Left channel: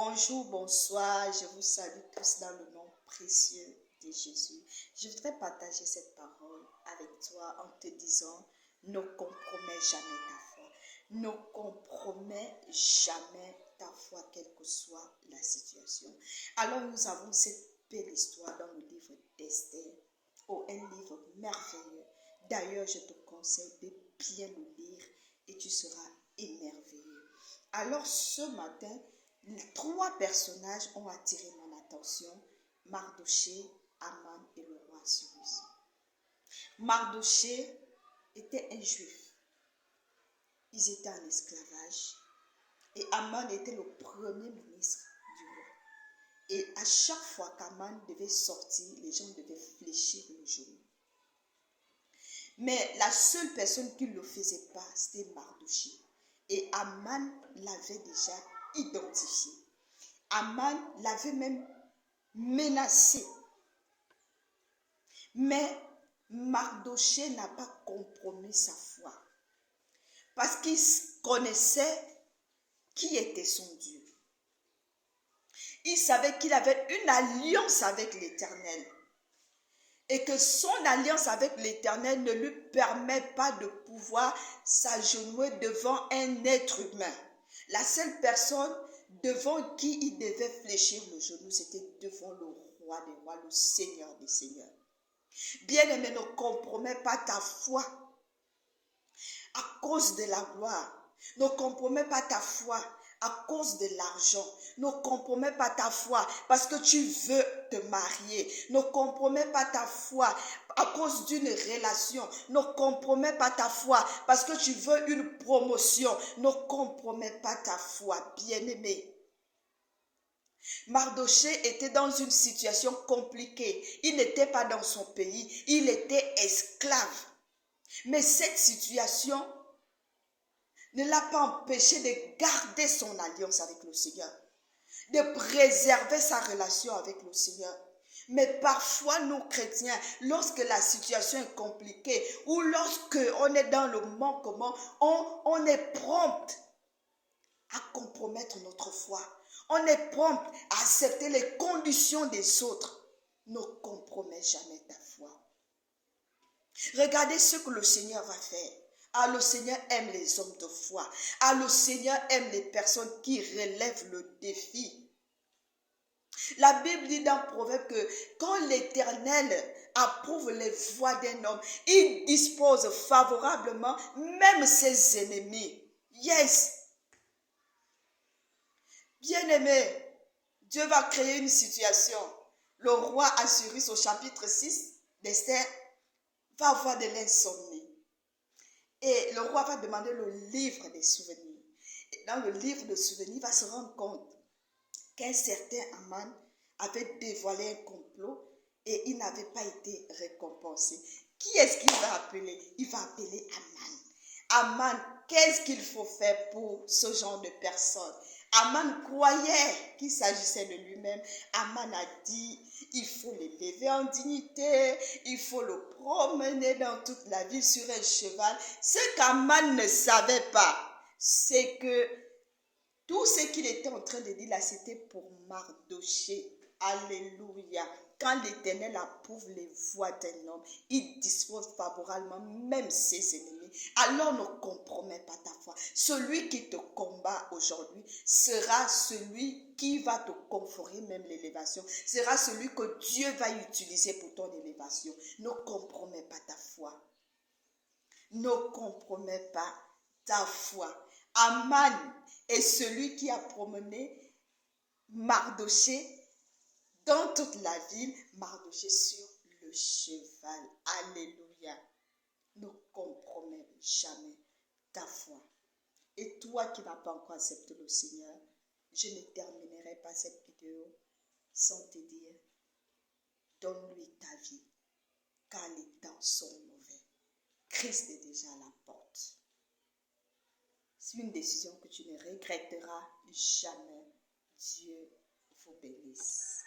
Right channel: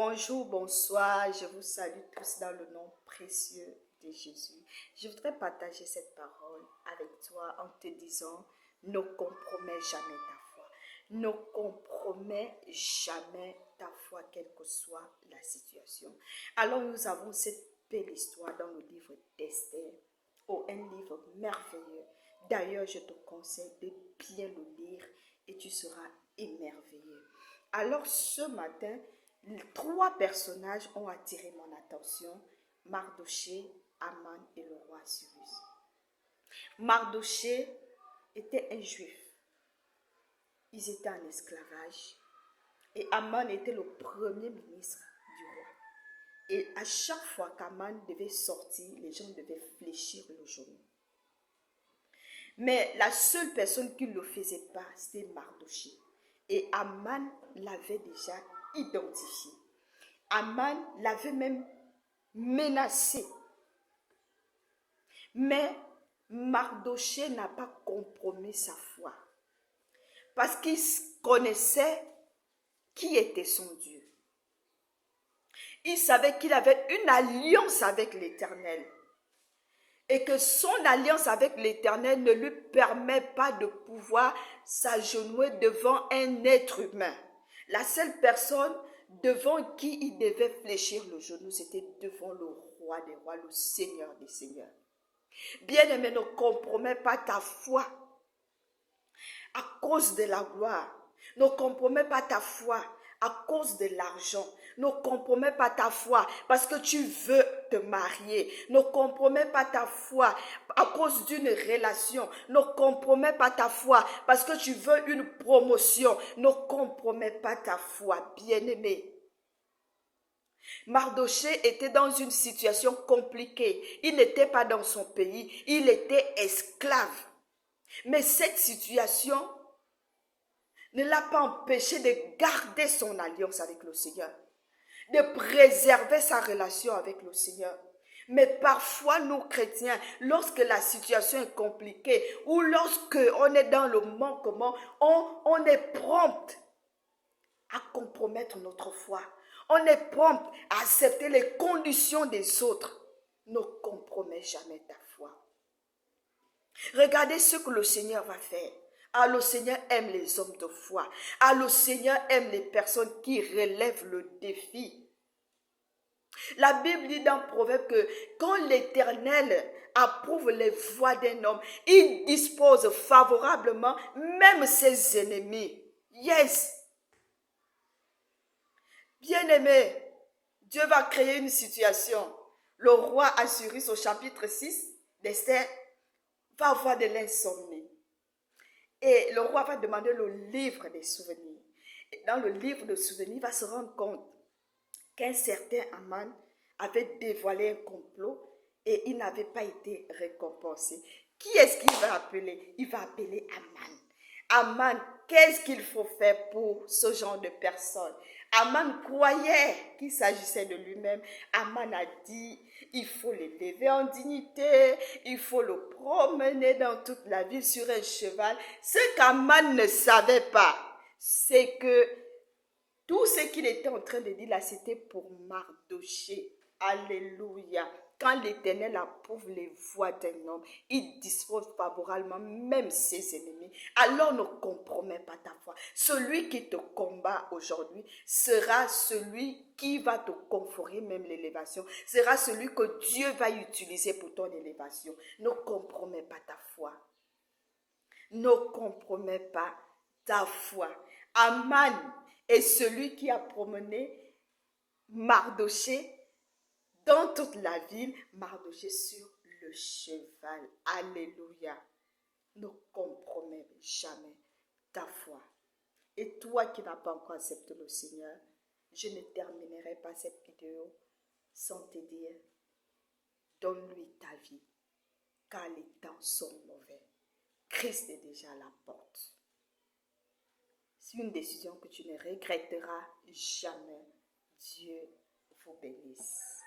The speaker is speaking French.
Bonjour, bonsoir, je vous salue tous dans le nom précieux de Jésus. Je voudrais partager cette parole avec toi en te disant, ne compromets jamais ta foi. Ne compromets jamais ta foi, quelle que soit la situation. Alors nous avons cette belle histoire dans le livre d'Esther. Oh, un livre merveilleux. D'ailleurs, je te conseille de bien le lire et tu seras émerveillé. Alors ce matin, 3 personnages ont attiré mon attention, Mardochée, Aman et le roi Cyrus. Mardochée était un juif. Ils étaient en esclavage. Et Aman était le premier ministre du roi. Et à chaque fois qu'Aman devait sortir, les gens devaient fléchir le genou. Mais la seule personne qui ne le faisait pas, c'était Mardochée. Et Aman l'avait déjà identifié. Aman l'avait même menacé. Mais Mardochée n'a pas compromis sa foi. Parce qu'il connaissait qui était son Dieu. Il savait qu'il avait une alliance avec l'Éternel. Et que son alliance avec l'Éternel ne lui permet pas de pouvoir s'agenouiller devant un être humain. La seule personne devant qui il devait fléchir le genou, c'était devant le roi des rois, le Seigneur des seigneurs. Bien-aimé, ne compromets pas ta foi à cause de la gloire. Ne compromets pas ta foi à cause de l'argent. Ne compromets pas ta foi parce que tu veux te marier. Ne compromets pas ta foi à cause d'une relation. Ne compromets pas ta foi parce que tu veux une promotion. Ne compromets pas ta foi, bien-aimé. Mardochée était dans une situation compliquée. Il n'était pas dans son pays. Il était esclave. Mais cette situation ne l'a pas empêché de garder son alliance avec le Seigneur, de préserver sa relation avec le Seigneur. Mais parfois, nous chrétiens, lorsque la situation est compliquée ou lorsque on est dans le manquement, on est prompt à compromettre notre foi. On est prompt à accepter les conditions des autres. Ne compromets jamais ta foi. Regardez ce que le Seigneur va faire. Ah, le Seigneur aime les hommes de foi. Ah, le Seigneur aime les personnes qui relèvent le défi. La Bible dit dans Proverbe que quand l'Éternel approuve les voies d'un homme, il dispose favorablement même ses ennemis. Yes. Bien-aimé, Dieu va créer une situation. Le roi Assyrus au chapitre 6 d'Esther va avoir de l'insomnie. Et le roi va demander le livre des souvenirs. Et dans le livre des souvenirs, il va se rendre compte qu'un certain Aman avait dévoilé un complot et il n'avait pas été récompensé. Qui est-ce qu'il va appeler? Il va appeler Aman. Aman, qu'est-ce qu'il faut faire pour ce genre de personnes? Aman croyait qu'il s'agissait de lui-même. Aman a dit, il faut l'élever en dignité, il faut le promener dans toute la ville sur un cheval. Ce qu'Aman ne savait pas, c'est que tout ce qu'il était en train de dire là, c'était pour Mardochée. Alléluia. Quand l'Éternel approuve les voies d'un homme, il dispose favorablement même ses ennemis. Alors ne compromets pas ta foi. Celui qui te combat aujourd'hui sera celui qui va te conférer même l'élévation. Sera celui que Dieu va utiliser pour ton élévation. Ne compromets pas ta foi. Ne compromets pas ta foi. Aman est celui qui a promené Mardochée dans toute la ville, Mardochée sur le cheval. Alléluia. Ne compromets jamais ta foi. Et toi qui n'as pas encore accepté le Seigneur, je ne terminerai pas cette vidéo sans te dire, donne-lui ta vie, car les temps sont mauvais. Christ est déjà à la porte. C'est une décision que tu ne regretteras jamais. Dieu vous bénisse.